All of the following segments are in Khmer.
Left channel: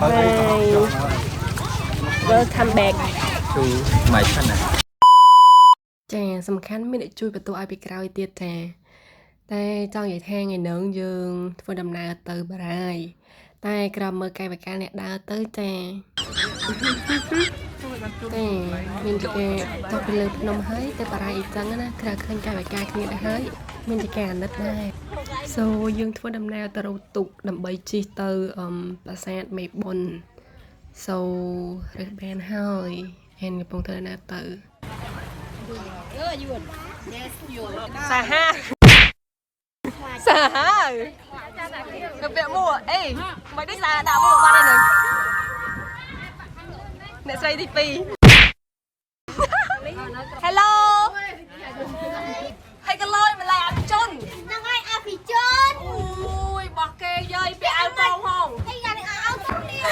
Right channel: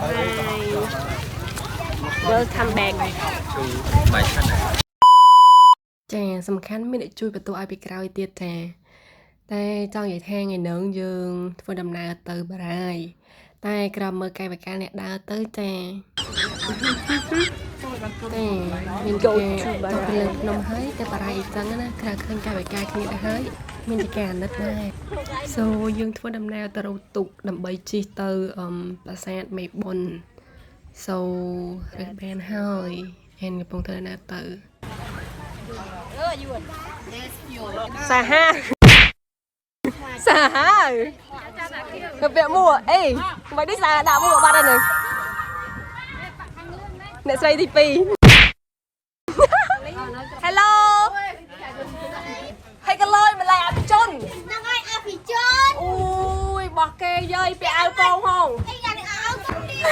Hi Welcome back to my channel ចាសំខាន់មានអ្នកជួយបន្ទោឲ្យពីក្រោយទៀតចាតែចង់និយាយថាថ្ងៃនឹងយើងធ្វើដំណើរទៅបារាយតែក្រោមមើលកាយវិការអ្នកដើរទៅចាតែមានគេចង់ទៅលើភ្នំហើយតែបារាយអញ្ចឹងណាក្រៅឃើញកាយវិការគ្នាទៅហើយមានជាការអាណិតដែរ So យើងធ្វើដំណើរទៅរកទូកដើម្បីជិះទៅប្រាសាទមេបុណ្យ So រើសបានហើយហើយកំពុងធ្វើដំណើរទៅសាហាសាហាទៅពាក់មួកអេមិនដូចសាដាក់មួកបាត់ហើយនឹងអ្នកស្រីទី2 Hello ហើយកលយម្ល៉េះអភិជនហ្នឹងហើយអភិជនអូយបោះគេយាយពាក់អាវកងហងអីយ៉ាងនេះអាវកងនេះអ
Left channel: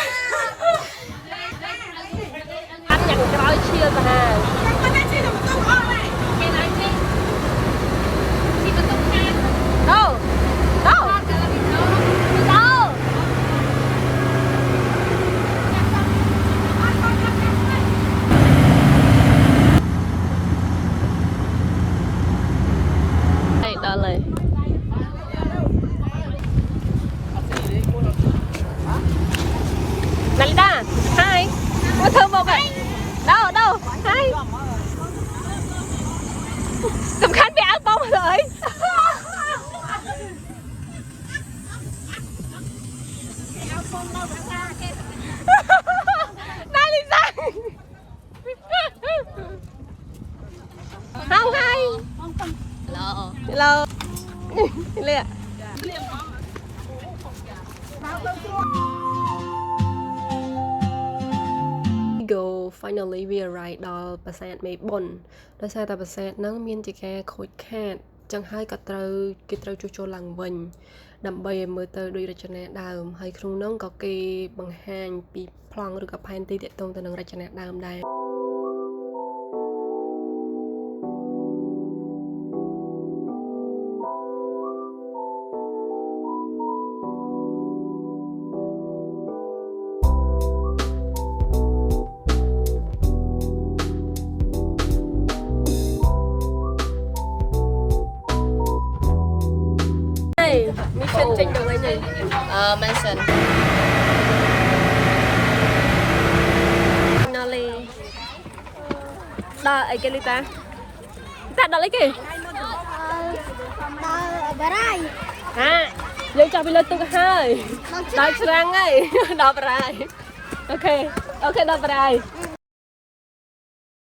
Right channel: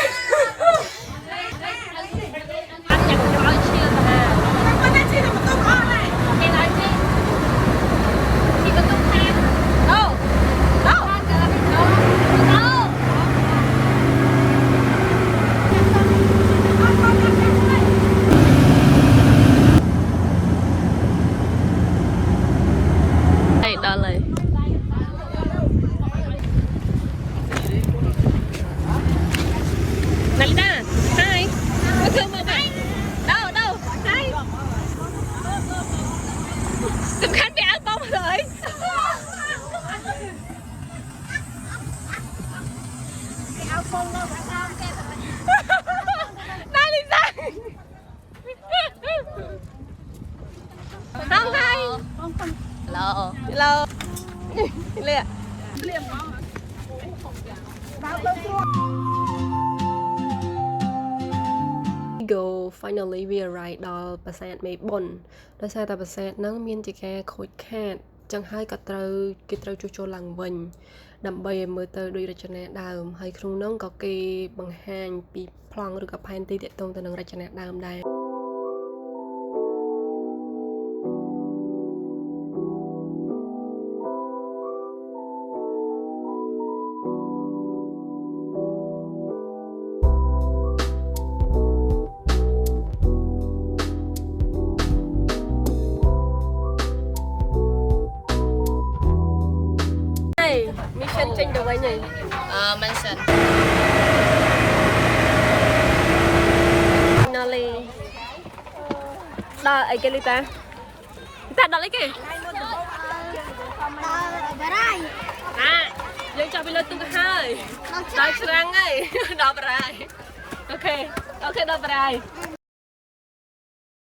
ត់យ៉ាងក្រោយឈៀលទៅណាគាត់តែឈៀលទៅអស់ហើយគេឡើងនេះទីបន្ទុកខាងអូដល់ហើយនាលីដា Hi មកធ្វើមកបែđâu Hi សំខាន់ពាក់អាវបងហើយអាវបងមកផងនាលីដា Hi Hello Hello លៀមមកGo finally we arrived ដល់ប្រាសាទមេបុណ្យដោយសារតែប្រាសាទហ្នឹងមានជាការខូចខាតចឹងហើយក៏គេត្រូវជួសជុលឡើងវិញដើម្បីឲ្យមើលទៅដូចរចនាដើមហើយក្នុងហ្នឹងក៏គេបង្ហាញពីប្លង់ឬក៏ផែនទីទាក់ទងទៅនឹងរចនាដើមដែរMission ចេញទៅវិញហើយMission Finally ដល់អីគេលឺកាដល់អីគេដល់បារាយហាយើងចុះពីលើទូកហើយដល់ច្រាំងហើយដល់បារាយអូខេដល់បារាយ